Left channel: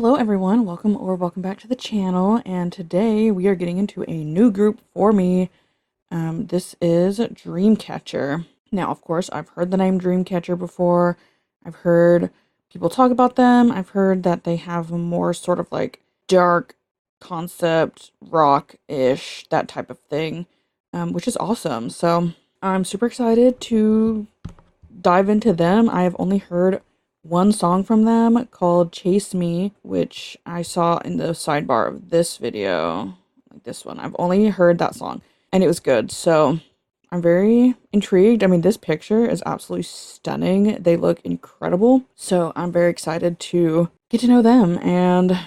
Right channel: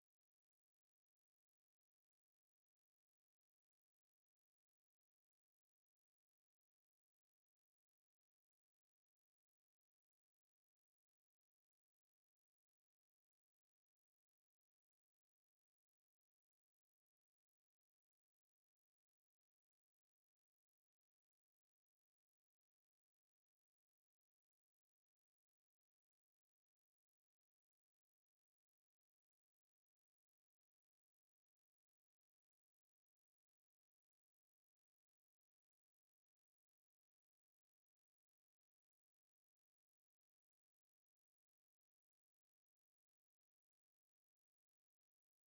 Hello everyone, welcome back to the channel, and today we are getting into a new group for me. This is Dreamcatcher. Now, of course, I've heard the name Dreamcatcher before. I've heard people talk about them. I've heard that they have a more sort of like dark concept, rock-ish, that type of thing, which is awesome. So I'm super excited to dive into them. I have only heard one song from them called Chase Me, which I saw in the sidebar of this video. Like this one. I've only heard that song and it was good. So I'm very intrigued. I mean, this picture is absolutely stunning. They look incredible. So I'm very excited to get to know them and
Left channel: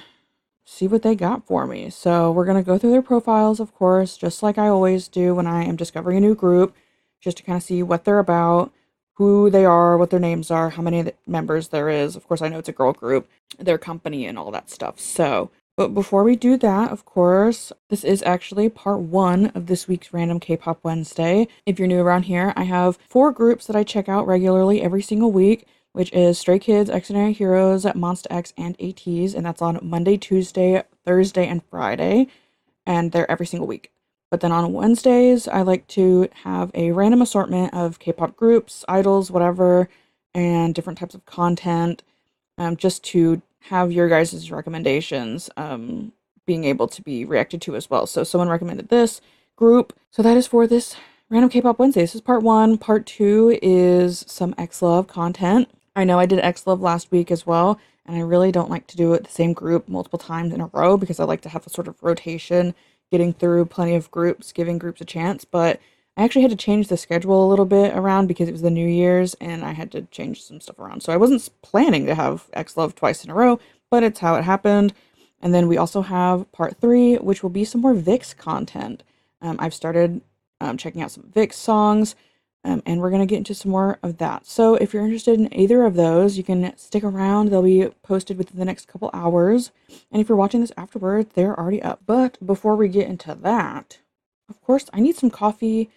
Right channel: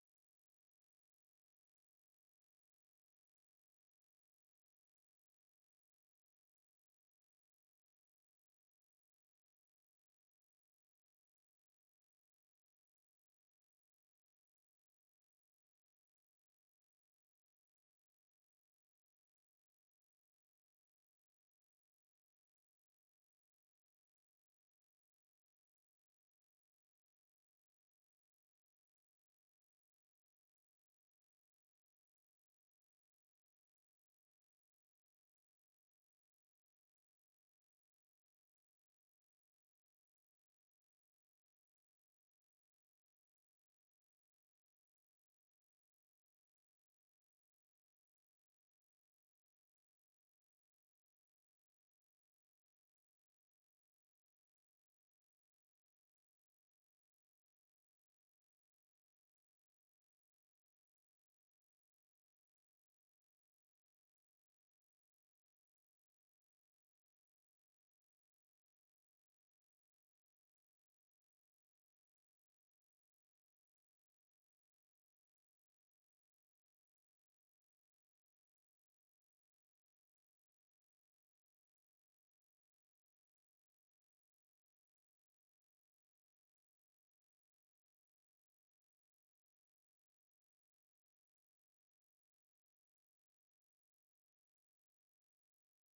see what they got for me. So we're going to go through their profiles, of course, just like I always do when I am discovering a new group, just to kind of see what they're about, who they are, what their names are, how many members there is. Of course, I know it's a girl group, their company and all that stuff. So, but before we do that, of course, this is actually part one of this week's Random K-Pop Wednesday. If you're new around here, I have 4 groups that I check out regularly every single week, which is Stray Kids, Extraordinary Heroes, Monsta X, and ATEEZ, and that's on Monday, Tuesday, Thursday, and Friday, and they're every single week. But then on Wednesdays, I like to have a random assortment of K-pop groups, idols, whatever, and different types of content, just to have your guys' recommendations being able to be reacted to as well. So someone recommended this group, so that is for this Random K-Pop Wednesday. This is part 1. Part 2 is some X-Love content. I know I did X-Love last week as well, and I really don't like to do it the same group multiple times in a row because I like to have a sort of rotation, getting through plenty of groups, giving groups a chance. But I actually had to change the schedule a little bit around because it was the New Year's and I had to change some stuff around. So I wasn't planning to have X-Love twice in a row, but it's how it happened. And then we also have part 3, which will be some more VIX content. I've started checking out some VIX songs. And we're going to get into some more of that. So if you're interested in either of those, you can stick around. They'll be posted within the next couple hours. And if you're watching this afterward, they're already up. But before we get into that, of course, I need some coffee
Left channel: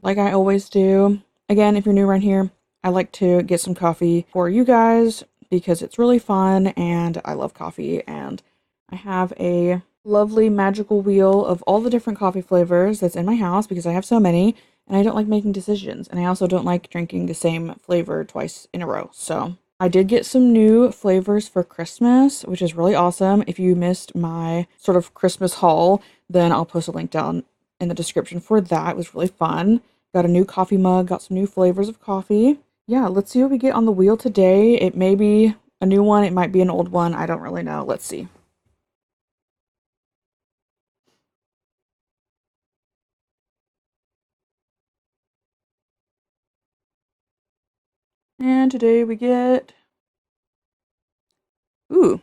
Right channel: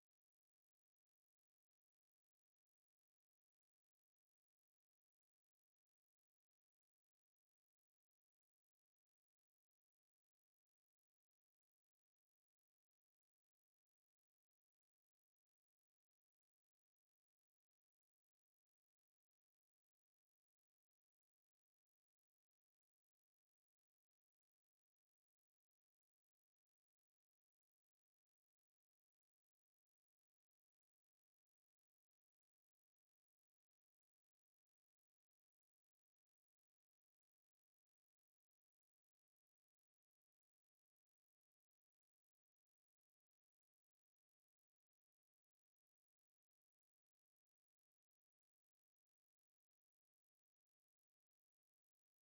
like I always do. Again, if you're new around here, I like to get some coffee for you guys because it's really fun and I love coffee. And I have a lovely magical wheel of all the different coffee flavors that's in my house because I have so many. And I don't like making decisions, and I also don't like drinking the same flavor twice in a row. So I did get some new flavors for Christmas, which is really awesome. If you missed my sort of Christmas haul, then I'll post a link down in the description for that. It was really fun. Got a new coffee mug, got some new flavors of coffee. Yeah, let's see what we get on the wheel today. It may be a new one, it might be an old one. I don't really know. Let's see. And today we get, ooh,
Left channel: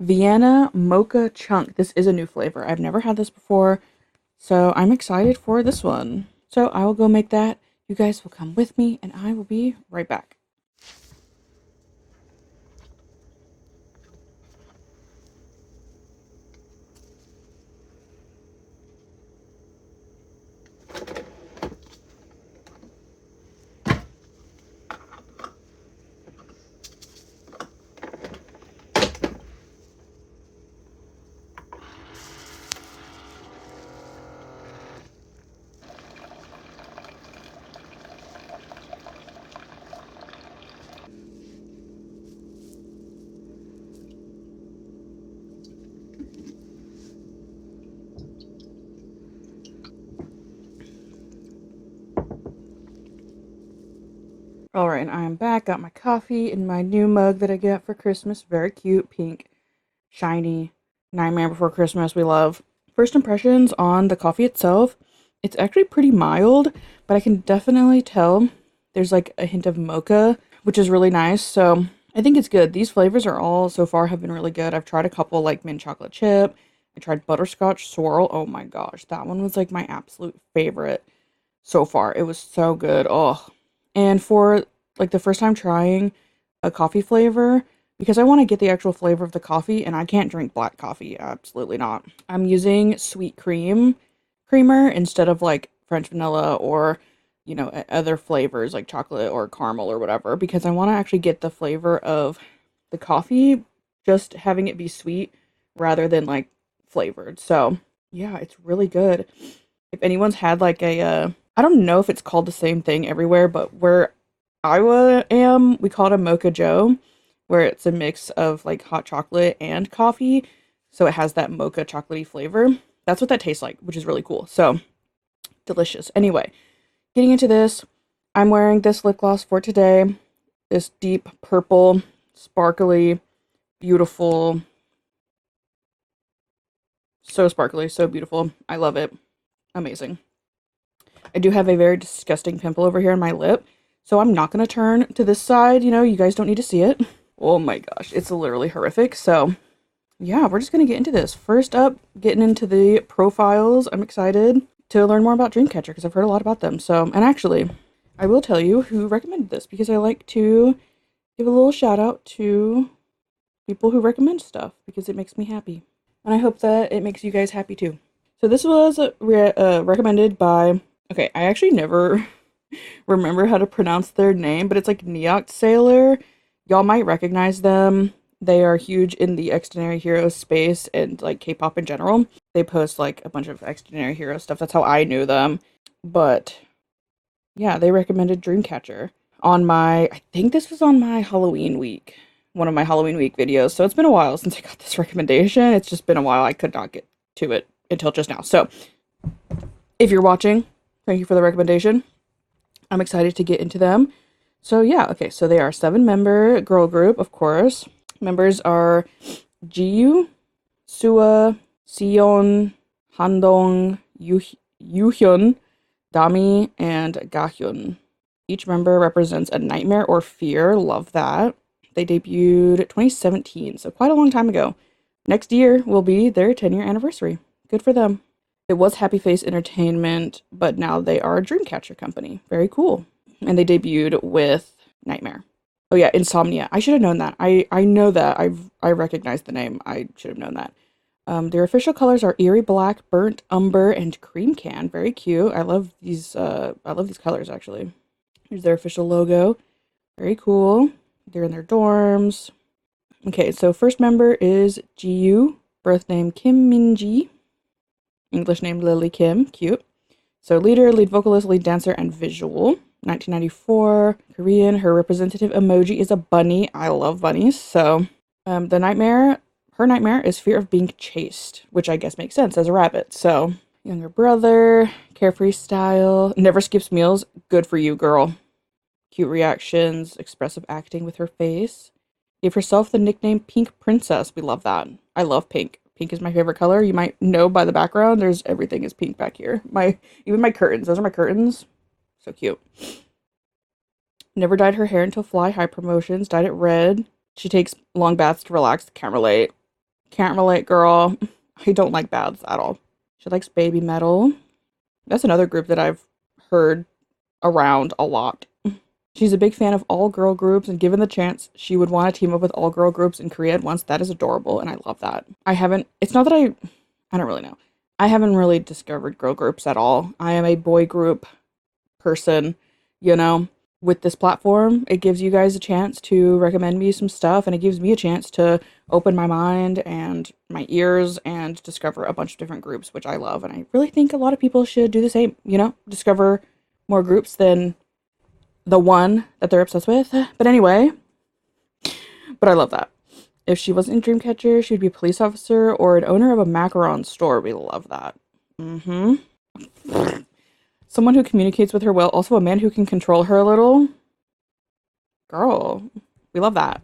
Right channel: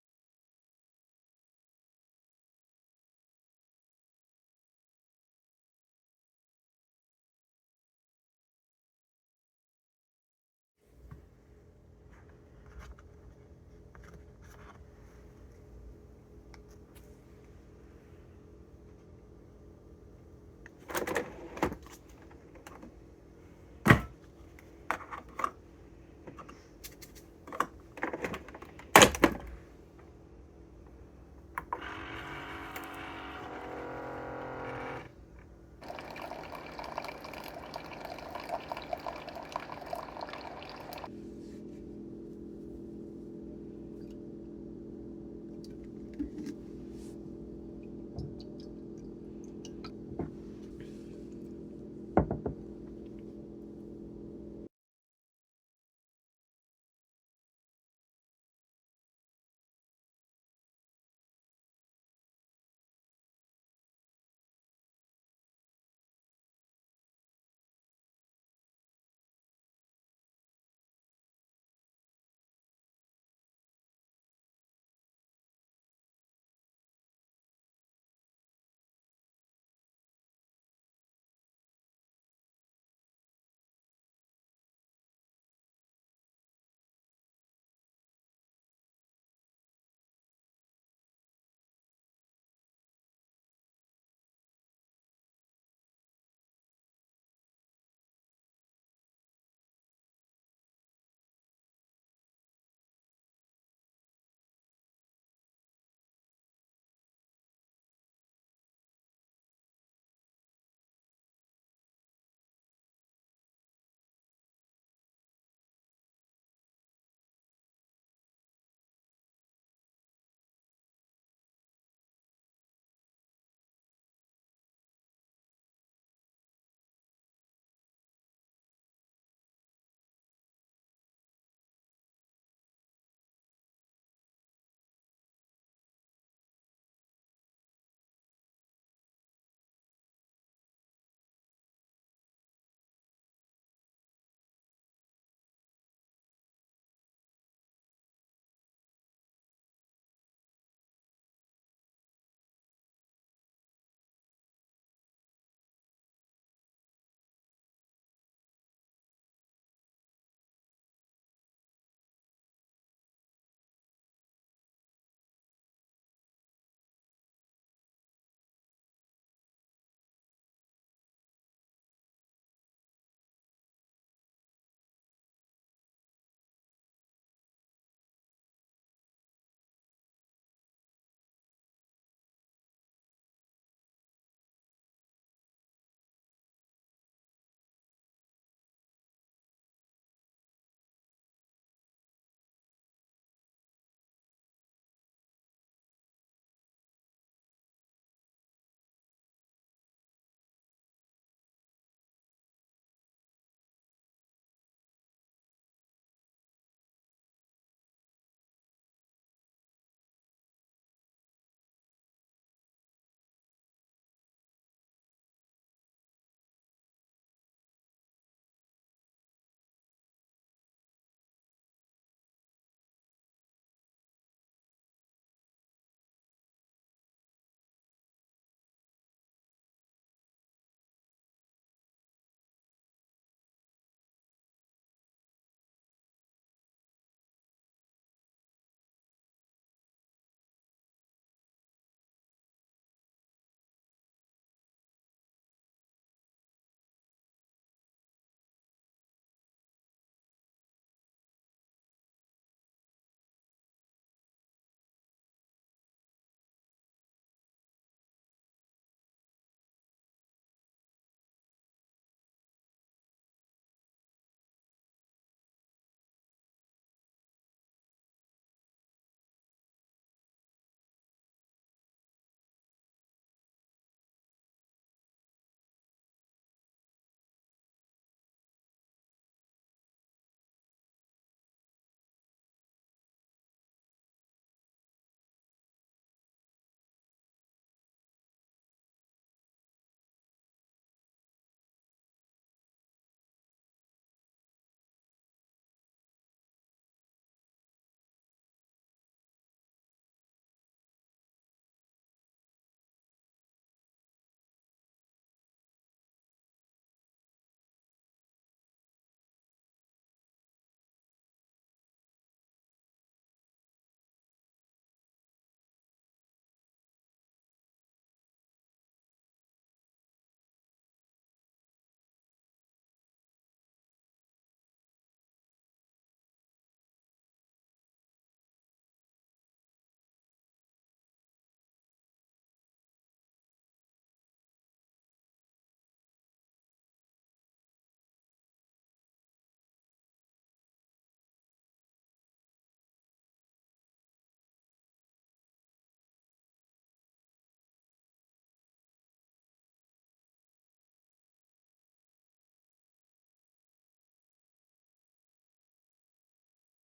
Vienna Mocha Chunk. This is a new flavor. I've never had this before, so I'm excited for this one. So I will go make that. You guys will come with me, and I will be right back. Alright, I am back. Got my coffee in my new mug that I got for Christmas. Very cute, pink, shiny. Nightmare Before Christmas, we love. First impressions on the coffee itself. It's actually pretty mild, but I can definitely tell there's like a hint of mocha, which is really nice. So I think it's good. These flavors are all so far have been really good. I've tried a couple like mint chocolate chip. I tried butterscotch swirl. Oh my gosh, that one was like my absolute favorite so far. It was so good. Oh, and for like the first time trying a coffee flavor, because I want to get the actual flavor of the coffee and I can't drink black coffee. Absolutely not. I'm using sweet creamer instead of like French vanilla or, you know, other flavors like chocolate or caramel or whatever, because I want to actually get the flavor of the coffee just having it be sweet rather than like flavored. So yeah, it's really good. If anyone's had like a, I don't know if it's called the same thing everywhere, but where am, we call it a Mocha Joe, where it's a mix of like hot chocolate and coffee. So it has that mocha chocolatey flavor. That's what that tastes like, which is really cool. So delicious. Anyway, getting into this, I'm wearing this lip gloss for today. This deep purple, sparkly, beautiful. So sparkly, so beautiful. I love it. Amazing. I do have a very disgusting pimple over here on my lip, so I'm not going to turn to this side. You know, you guys don't need to see it. Oh my gosh, it's literally horrific. So yeah, we're just going to get into this. First up, getting into the profiles. I'm excited to learn more about Dreamcatcher because I've heard a lot about them. So, and actually, I will tell you who recommended this because I like to give a little shout out to people who recommend stuff because it makes me happy. And I hope that it makes you guys happy too. So this was recommended by, okay, I actually never remember how to pronounce their name, but it's like Neoct Sailor. Y'all might recognize them. They are huge in the Extraordinary Heroes space and like K-pop in general. They post like a bunch of Extraordinary Hero stuff. That's how I knew them. But yeah, they recommended Dreamcatcher on my, I think this was on my Halloween week. One of my Halloween week videos. So it's been a while since I got this recommendation. It's just been a while. I could not get to it until just now. So if you're watching, thank you for the recommendation. I'm excited to get into them. So yeah, okay, so they are 7-member girl group, of course. Members are Jiyu, Sua, Sion, Handong, Yuhyun, Dami, and Gahyun. Each member represents a nightmare or fear. Love that. They debuted 2017, so quite a long time ago. Next year will be their 10-year anniversary. Good for them. It was Happy Face Entertainment, but now they are a Dreamcatcher company. Very cool. And they debuted with Nightmare. Oh yeah, Insomnia. I should have known that. I know that. I recognize the name. I should have known that. Their official colors are Eerie Black, Burnt Umber, and Cream Can. Very cute. I love these colors actually. Here's their official logo. Very cool. They're in their dorms. Okay, so first member is Jiyu, birth name Kim Minji. English name Lily Kim, cute. So leader, lead vocalist, lead dancer, and visual. 1994, Korean. Her representative emoji is a bunny. I love bunnies. So her nightmare is fear of being chased, which I guess makes sense as a rabbit. So younger brother, carefree style, never skips meals. Good for you, girl. Cute reactions, expressive acting with her face. Gave herself the nickname Pink Princess. We love that. I love pink. Pink is my favorite color. You might know by the background. There's everything is pink back here. Even my curtains. Those are my curtains. So cute. Never dyed her hair until Fly High promotions. Dyed it red. She takes long baths to relax. Can't relate. Can't relate, girl. I don't like baths at all. She likes baby metal. That's another group that I've heard around a lot. She's a big fan of all-girl groups, and given the chance, she would want to team up with all-girl groups in Korea at once. That is adorable, and I love that. It's not that I don't really know. I haven't really discovered girl groups at all. I am a boy group person, you know. With this platform, it gives you guys a chance to recommend me some stuff, and it gives me a chance to open my mind and my ears and discover a bunch of different groups, which I love, and I really think a lot of people should do the same, you know, discover more groups than the one that they're obsessed with. But anyway, but I love that. If she wasn't in Dreamcatcher, she'd be a police officer or an owner of a macaron store. We love that. Someone who communicates with her well. Also a man who can control her a little. Girl, we love that.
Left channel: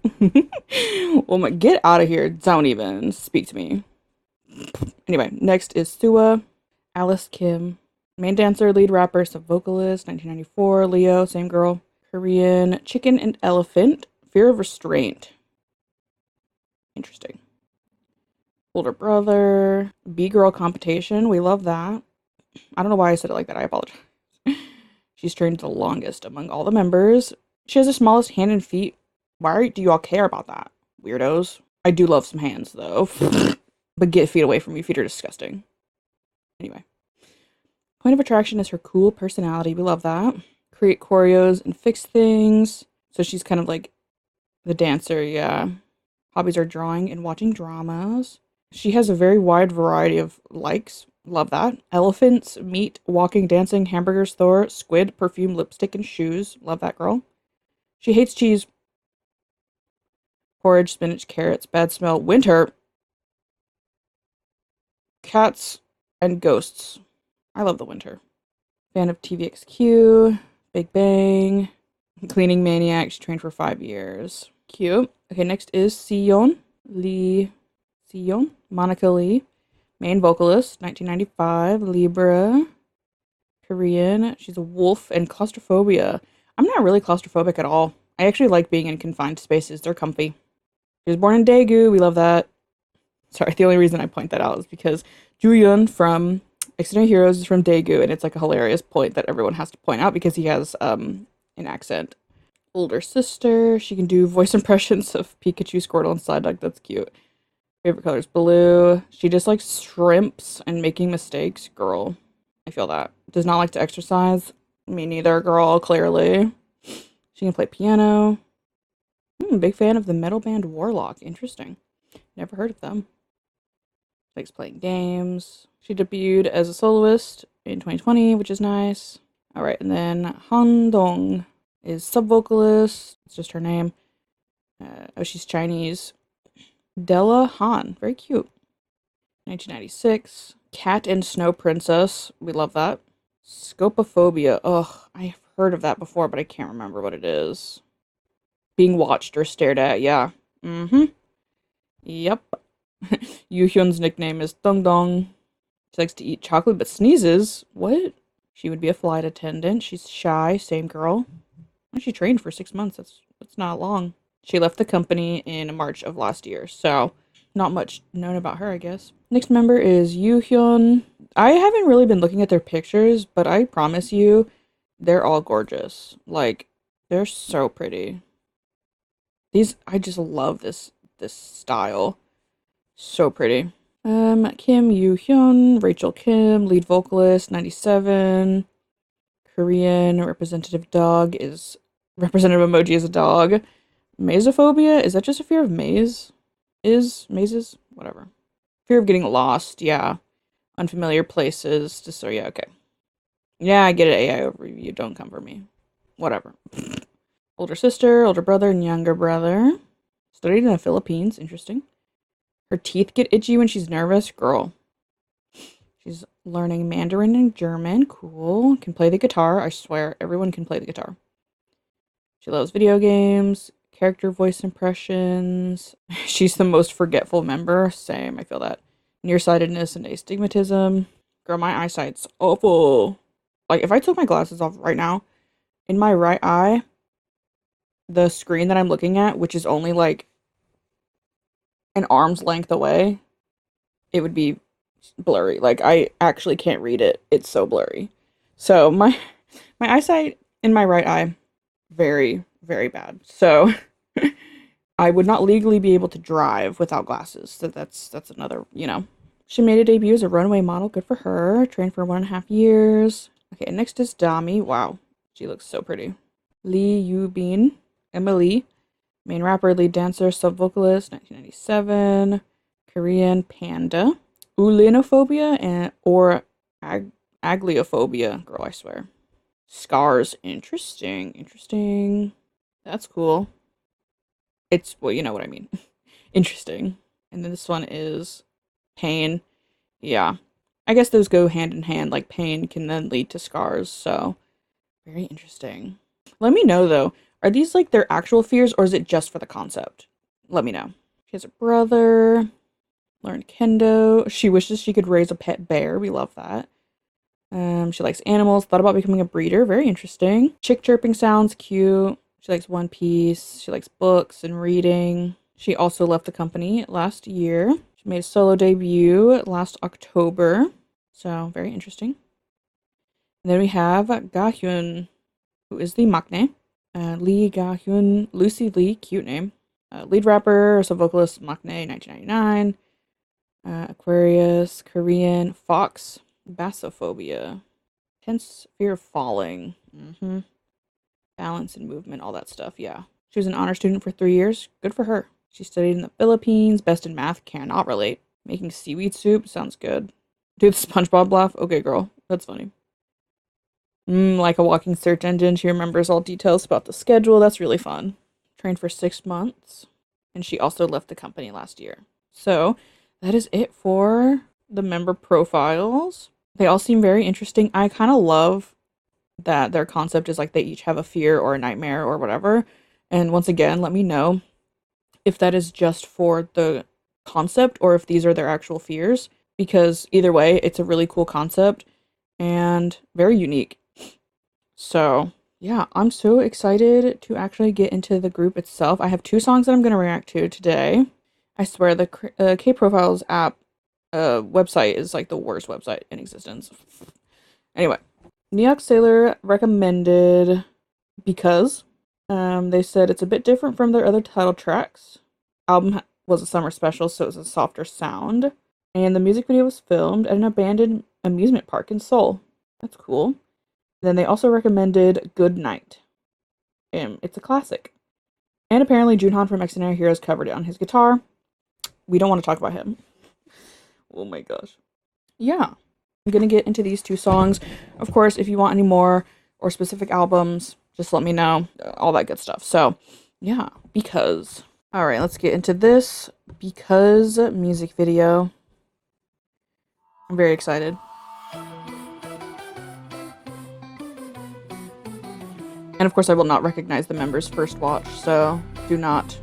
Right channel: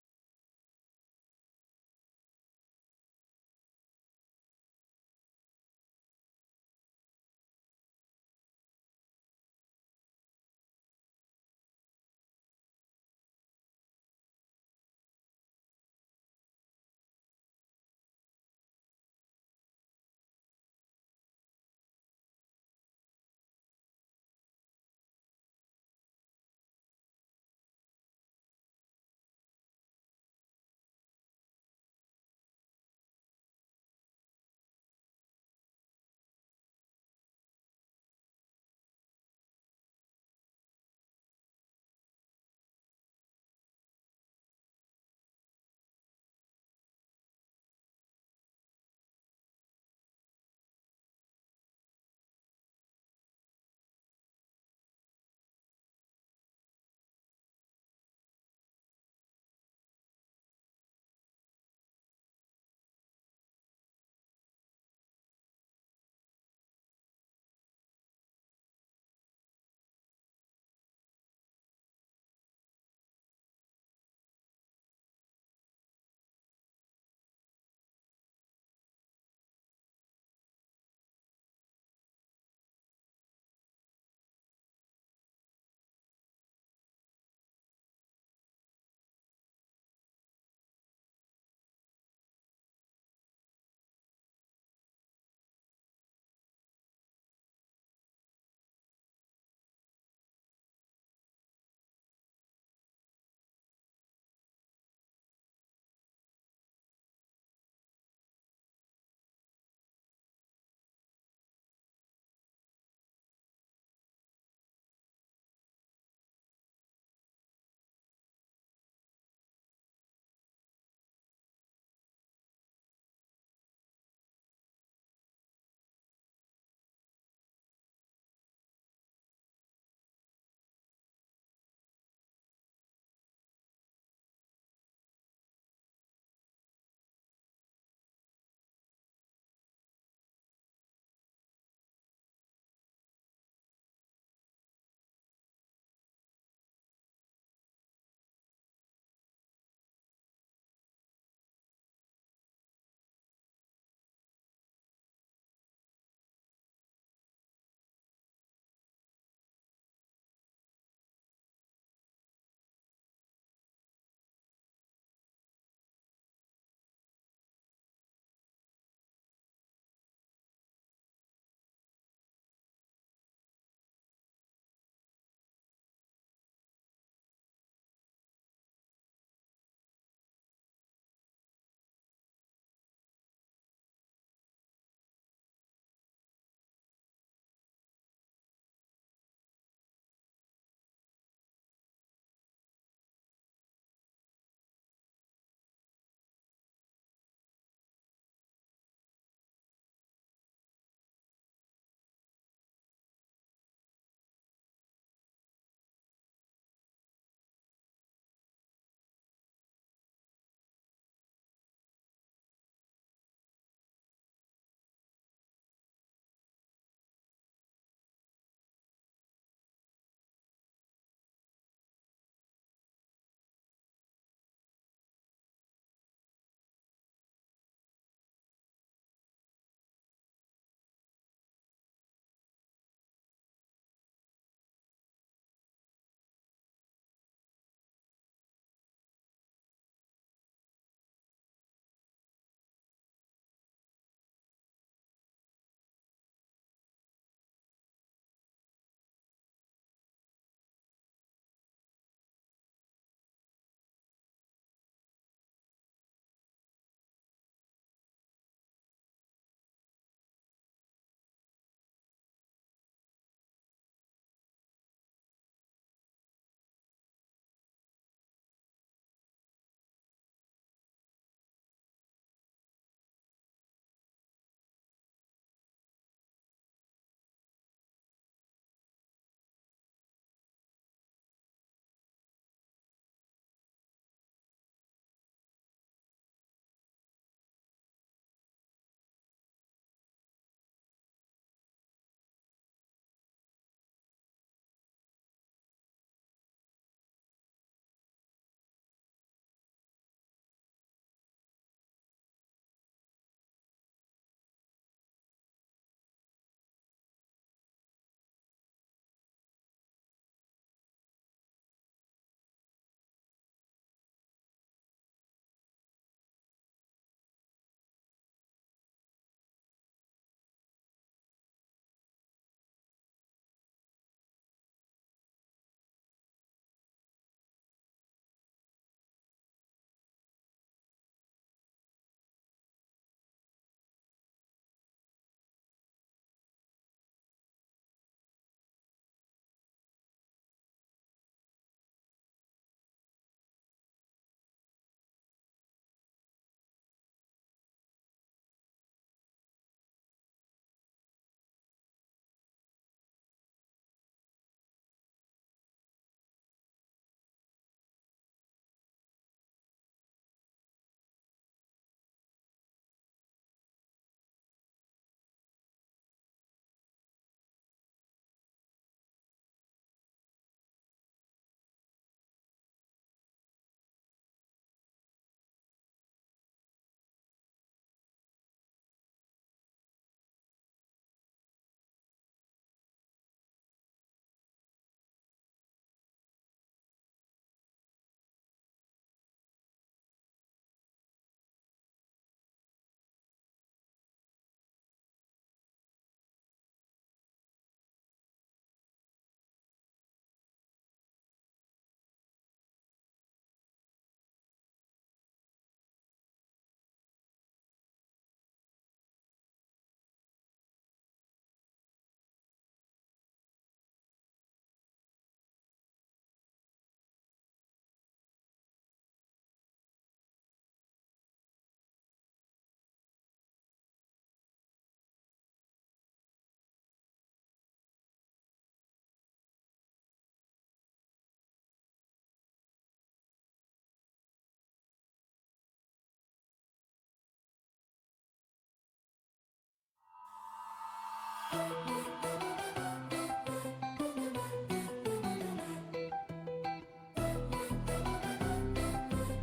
Well, get out of here. Don't even speak to me. Anyway, next is Sua, Alice Kim. Main dancer, lead rapper, sub-vocalist, 1994, Leo, same girl. Korean, Chicken and Elephant, Fear of Restraint. Interesting. Older brother, B-girl competition, we love that. I don't know why I said it like that, I apologize. She's trained the longest among all the members. She has the smallest hand and feet. Why do you all care about that? Weirdos. I do love some hands, though. But get feet away from me, feet are disgusting. Anyway. Point of attraction is her cool personality. We love that. Create choreos and fix things. So she's kind of like the dancer, yeah. Hobbies are drawing and watching dramas. She has a very wide variety of likes. Love that. Elephants, meat, walking, dancing, hamburgers, Thor, squid, perfume, lipstick, and shoes. Love that girl. She hates cheese, porridge, spinach, carrots, bad smell, winter, cats, and ghosts. I love the winter. Fan of TVXQ, Big Bang, cleaning maniac. She trained for 5 years. Cute. Okay, next is Sion Lee. Sion, Monica Lee, main vocalist, 1995, Libra, Korean. She's a wolf and claustrophobia. I'm not really claustrophobic at all. I actually like being in confined spaces. They're comfy. She was born in Daegu. We love that. Sorry, the only reason I point that out is because Jooyeon from Extended Heroes is from Daegu, and it's like a hilarious point that everyone has to point out because he has an accent. Older sister. She can do voice impressions of Pikachu, Squirtle, and Psyduck. That's cute. Favorite color is blue. She just likes shrimps and making mistakes. Girl, I feel that. Does not like to exercise. Me neither, girl, clearly. She can play piano. Big fan of the metal band Warlock. Interesting. Never heard of them. Likes playing games. She debuted as a soloist in 2020, which is nice. Alright, and then Han Dong is sub-vocalist. It's just her name. Oh, she's Chinese. Della Han. Very cute. 1996. Cat and Snow Princess. We love that. Scopophobia. Ugh, I've heard of that before, but I can't remember what it is. Being watched or stared at. Yeah. Yep. Yoo-hyun's nickname is Dong Dong. She likes to eat chocolate but sneezes. What? She would be a flight attendant. She's shy. Same girl. She trained for 6 months. That's not long. She left the company in March of last year, so not much known about her, I guess. Next member is Yoo-hyun. I haven't really been looking at their pictures, but I promise you, they're all gorgeous. Like, they're so pretty. I just love this style. So pretty. Kim Yoo-hyun, Rachel Kim, lead vocalist, 97. Korean representative emoji is a dog. Mazophobia? Is that just a fear of mazes? Whatever. Fear of getting lost, yeah. Unfamiliar places. So yeah, okay. Yeah, I get it, AI overview. Don't come for me. Whatever. Older sister, older brother, and younger brother. Studied in the Philippines. Interesting. Her teeth get itchy when she's nervous. Girl. She's learning Mandarin and German. Cool. Can play the guitar. I swear, everyone can play the guitar. She loves video games, character voice impressions. She's the most forgetful member. Same, I feel that. Nearsightedness and astigmatism. Girl, my eyesight's awful. Like, if I took my glasses off right now, in my right eye, the screen that I'm looking at, which is only like an arm's length away, it would be blurry. Like, I actually can't read it. It's so blurry. So my eyesight in my right eye, very, very bad. So I would not legally be able to drive without glasses. So that's another, She made a debut as a runway model. Good for her. Trained for 1.5 years. Okay, next is Dami. Wow, she looks so pretty. Lee Yu-bin, Emily, main rapper, lead dancer, sub-vocalist, 1997. Korean panda. Ulinophobia or agliophobia. Girl, I swear. Scars. Interesting. That's cool. Well, you know what I mean. Interesting. And then this one is pain. Yeah. I guess those go hand in hand. Like, pain can then lead to scars. So, very interesting. Let me know, though. Are these, like, their actual fears, or is it just for the concept? Let me know. She has a brother. Learned kendo. She wishes she could raise a pet bear. We love that. She likes animals. Thought about becoming a breeder. Very interesting. Chick chirping sounds. Cute. She likes One Piece. She likes books and reading. She also left the company last year. She made a solo debut last October. So, very interesting. And then we have Ga-hyun, who is the maknae. Lee Ga-hyun. Lucy Lee. Cute name. Lead rapper, sub-vocalist, maknae, 1999. Aquarius, Korean, fox, bassophobia, intense fear of falling, balance and movement, all that stuff, yeah. She was an honor student for 3 years. Good for her. She studied in the Philippines. Best in math. Cannot relate. Making seaweed soup sounds good. Dude, SpongeBob laugh. Okay, girl. That's funny. Like a walking search engine. She remembers all details about the schedule. That's really fun. Trained for 6 months. And she also left the company last year. So that is it for the member profiles. They all seem very interesting. I kind of love that their concept is like they each have a fear or a nightmare or whatever. And once again, let me know if that is just for the concept or if these are their actual fears, because either way, it's a really cool concept and very unique. So, yeah, I'm so excited to actually get into the group itself. I have 2 songs that I'm going to react to today. I swear the K-Profiles app website is like the worst website in existence. Anyway, New York Sailor recommended because they said it's a bit different from their other title tracks. Album was a summer special, so it was a softer sound. And the music video was filmed at an abandoned amusement park in Seoul. That's cool. Then they also recommended Good Night. It's a classic. And apparently Junhan from X Heroes covered it on his guitar. We don't want to talk about him. Oh my gosh. Yeah. I'm going to get into these 2 songs. Of course, if you want any more or specific albums, just let me know. All that good stuff. So, yeah. Because. Alright, let's get into this. Because music video. I'm very excited. And of course, I will not recognize the members first watch, so do not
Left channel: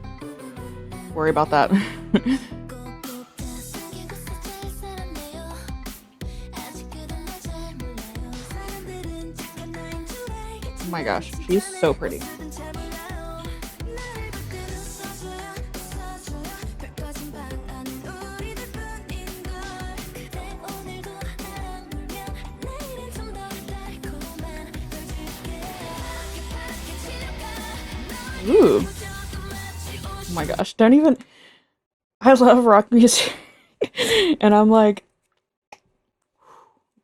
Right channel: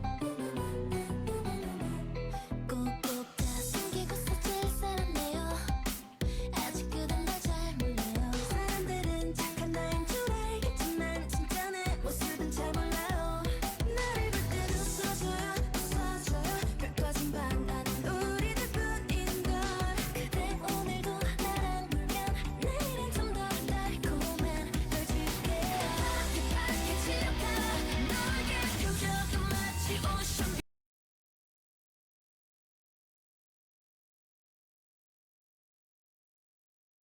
worry about that. Oh my gosh, she's so pretty. Ooh. Oh my gosh, don't even. I love rock music. And I'm like,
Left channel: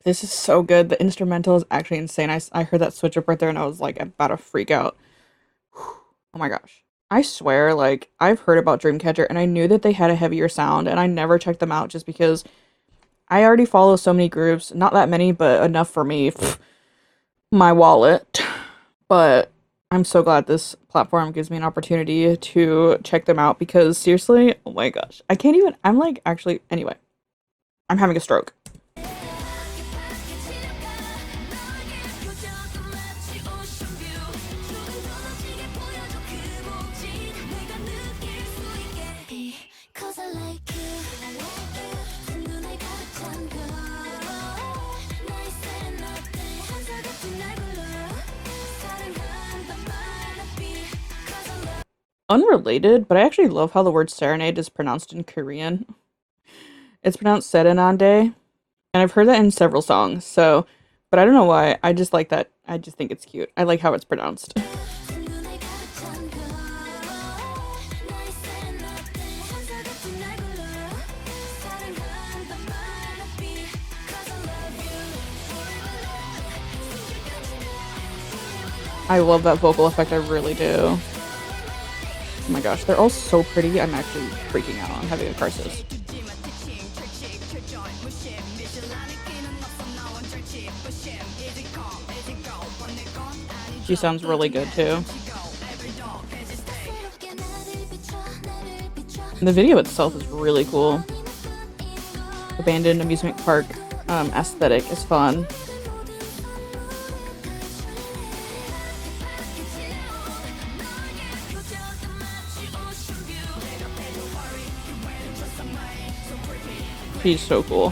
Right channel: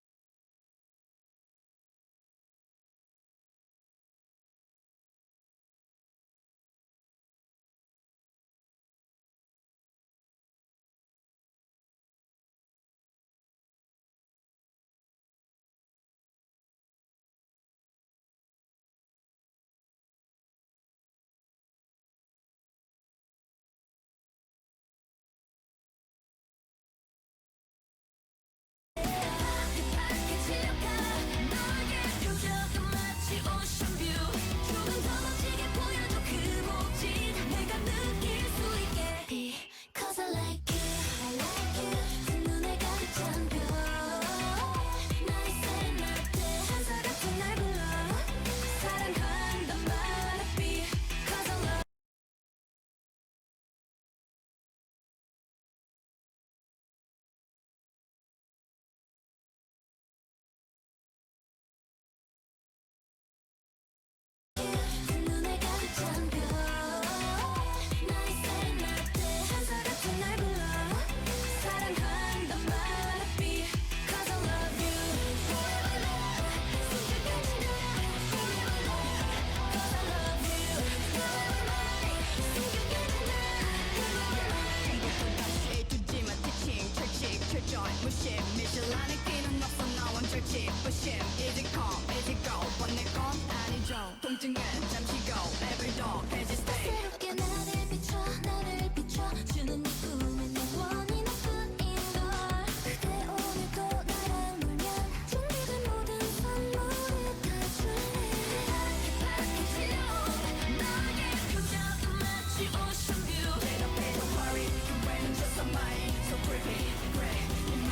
this is so good. The instrumental is actually insane. I heard that switch up right there and I was like about to freak out. Oh my gosh. I swear, like, I've heard about Dreamcatcher and I knew that they had a heavier sound and I never checked them out just because I already follow so many groups. Not that many, but enough for me. My wallet. But I'm so glad this platform gives me an opportunity to check them out because seriously, oh my gosh. I can't even, I'm like, actually, anyway. I'm having a stroke. Unrelated, but I actually love how the word serenade is pronounced in Korean. It's pronounced serenade, and I've heard that in several songs, so, but I don't know why, I just like that, I just think it's cute. I like how it's pronounced. I love that vocal effect, I really do. Oh my gosh, they're all so pretty. I'm actually freaking out. I'm having a crisis. She sounds really good too. And the video itself is really cool. Abandoned amusement park aesthetic is fun. He's so cool.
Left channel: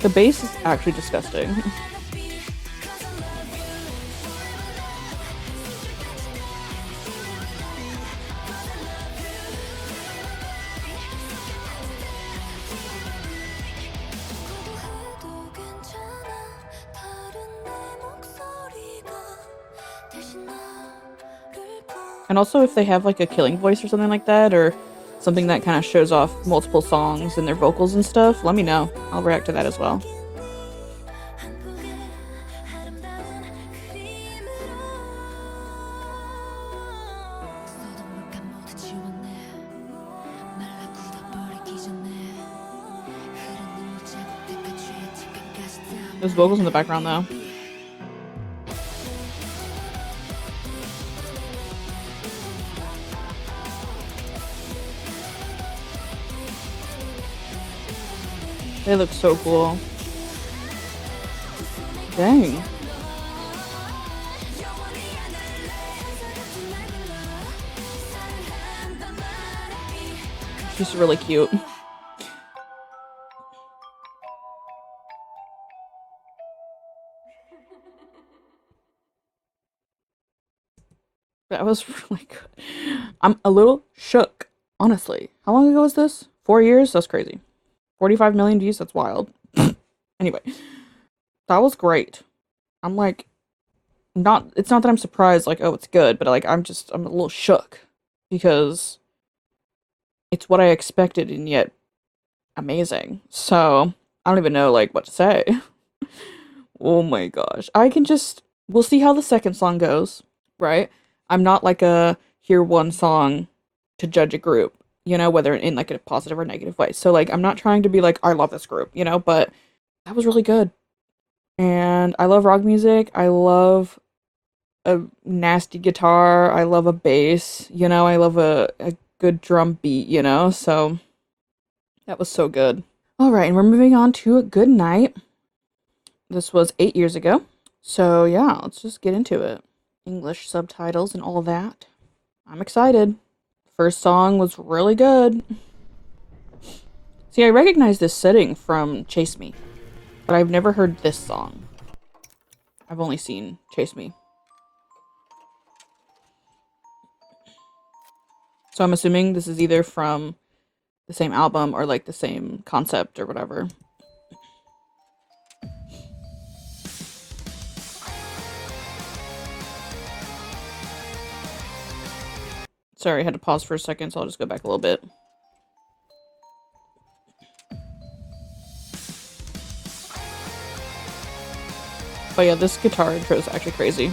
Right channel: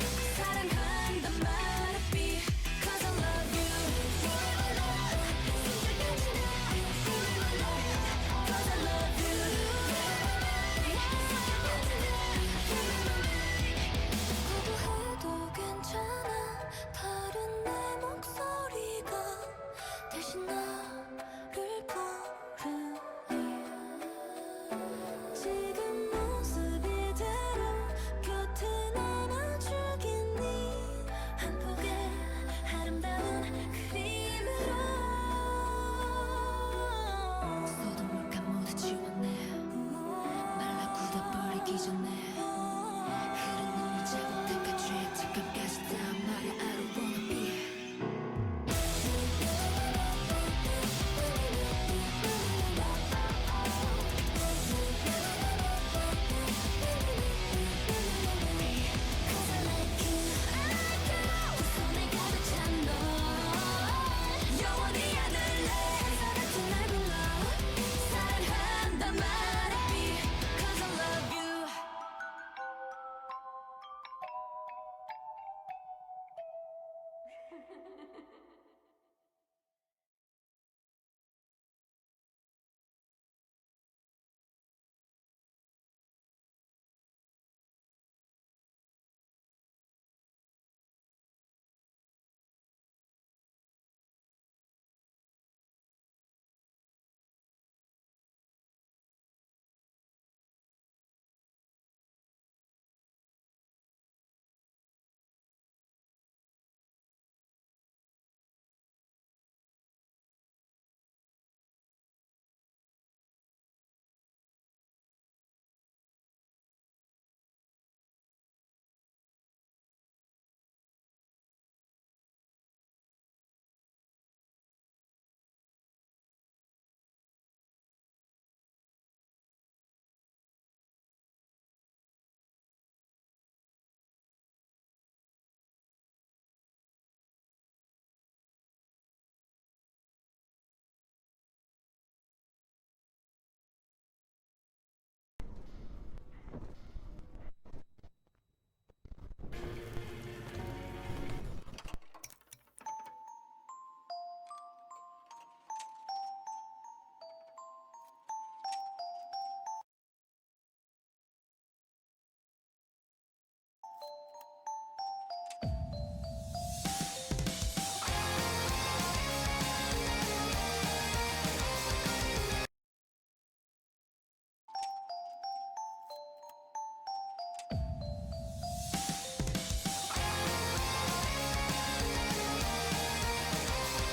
The bass is actually disgusting. And also if they have like a killing voice or something like that, or something that kind of shows off multiple songs and their vocals and stuff, let me know. I'll react to that as well. There's vocals in the background though. They look so cool. Dang. Just really cute. That was really good. I'm a little shook, honestly. How long ago was this? 4 years? That's crazy. 45 million views? That's wild. Anyway, that was great. I'm like, it's not that I'm surprised, like, oh, it's good, but like, I'm a little shook because it's what I expected and yet amazing. So, I don't even know, like, what to say. Oh my gosh. We'll see how the second song goes, right? I'm not like a hear one song to judge a group, you know, whether in like a positive or negative way. So like I'm not trying to be like I love this group, you know, but that was really good. And I love rock music. I love a nasty guitar. I love a bass, you know, I love a good drum beat, you know. So that was so good. All right, and we're moving on to Good Night. This was 8 years ago. So yeah, let's just get into it. English subtitles and all that. I'm excited. First song was really good. See, I recognize this setting from Chase Me, but I've never heard this song. I've only seen Chase Me. So I'm assuming this is either from the same album or like the same concept or whatever. Sorry, I had to pause for a second, so I'll just go back a little bit. But yeah, this guitar intro is actually crazy.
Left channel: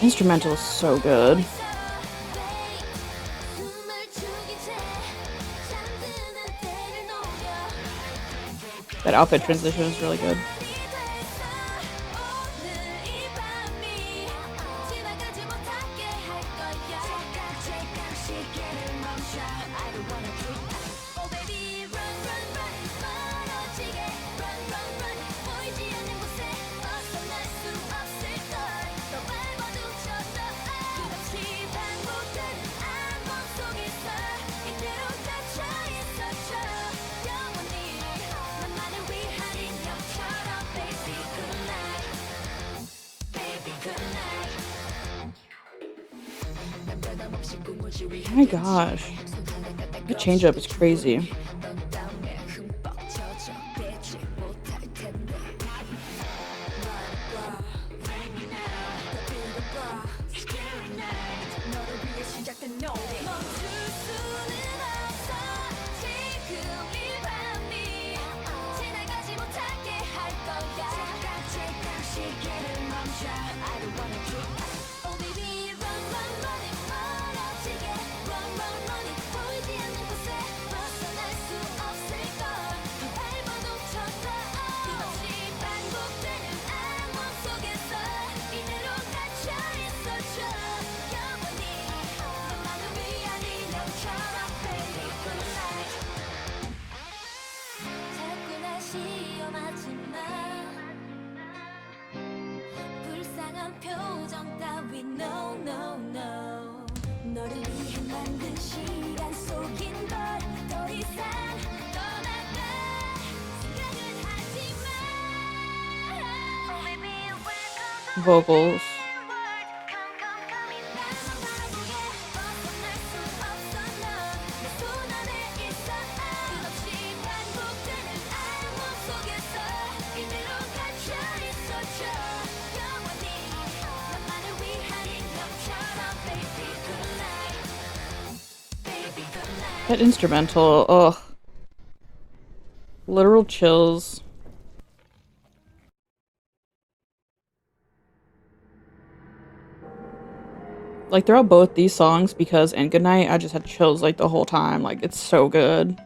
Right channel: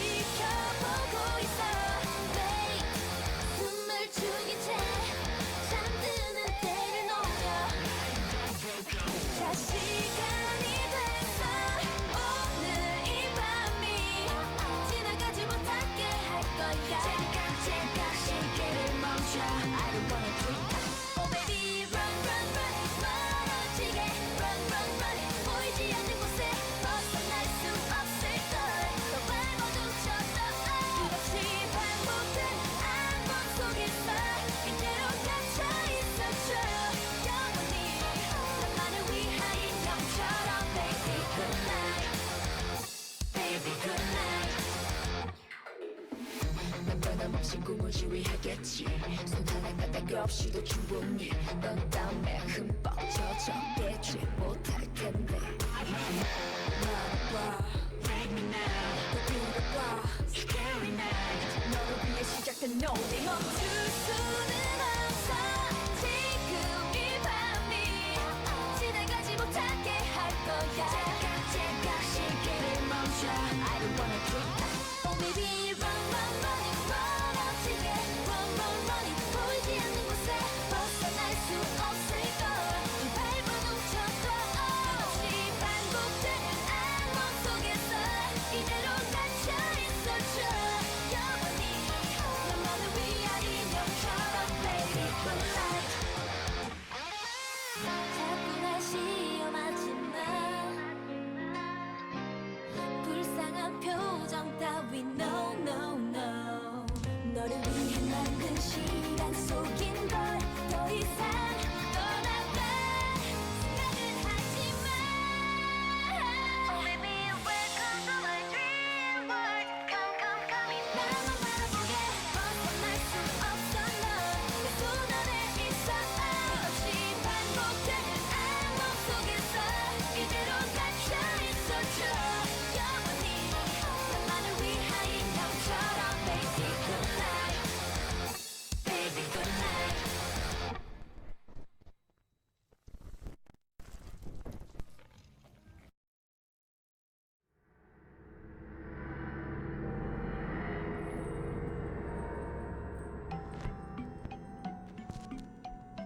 Instrumental is so good. That outfit transition is really good. Oh my gosh. The change up is crazy. Vocals. That instrumental, ugh. Literal chills. Like throughout both these songs, because and Goodnight, I just had chills like the whole time. Like it's so good.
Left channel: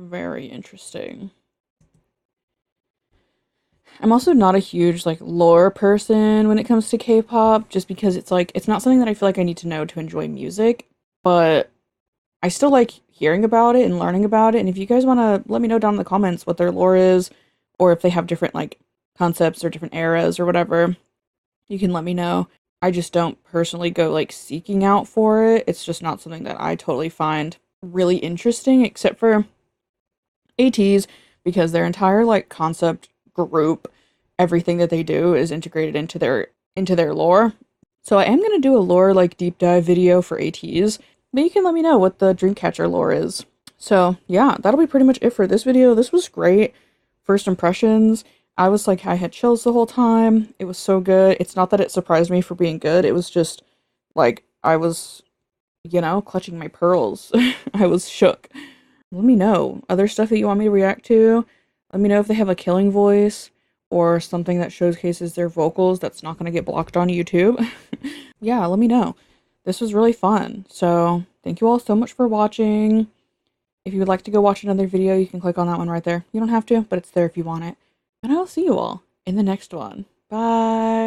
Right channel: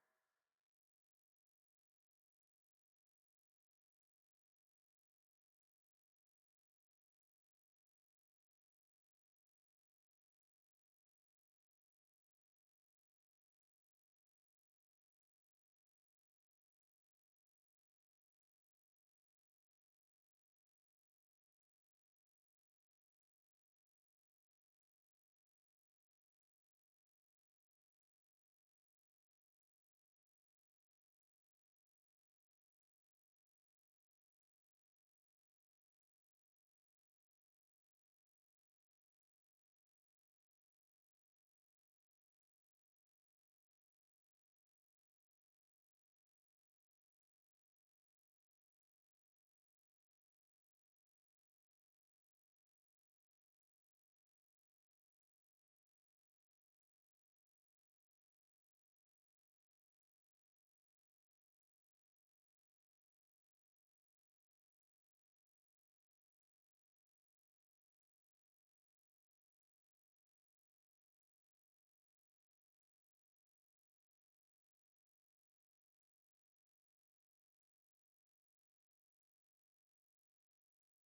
Very interesting. I'm also not a huge like lore person when it comes to K-pop, just because it's like it's not something that I feel like I need to know to enjoy music, but I still like hearing about it and learning about it. And if you guys want to let me know down in the comments what their lore is, or if they have different like concepts or different eras or whatever, you can let me know. I just don't personally go like seeking out for it. It's just not something that I totally find really interesting, except for ATs, because their entire like concept group, everything that they do is integrated into their lore. So I am gonna do a lore like deep dive video for ATs, but you can let me know what the Dreamcatcher lore is. So yeah, that'll be pretty much it for this video. This was great. First impressions. I was like, I had chills the whole time. It was so good. It's not that it surprised me for being good. It was just like I was, clutching my pearls. I was shook. Let me know other stuff that you want me to react to. Let me know if they have a killing voice or something that showcases their vocals that's not going to get blocked on YouTube. Yeah, let me know. This was really fun. So, thank you all so much for watching. If you would like to go watch another video, you can click on that one right there. You don't have to, but it's there if you want it. And I will see you all in the next one. Bye.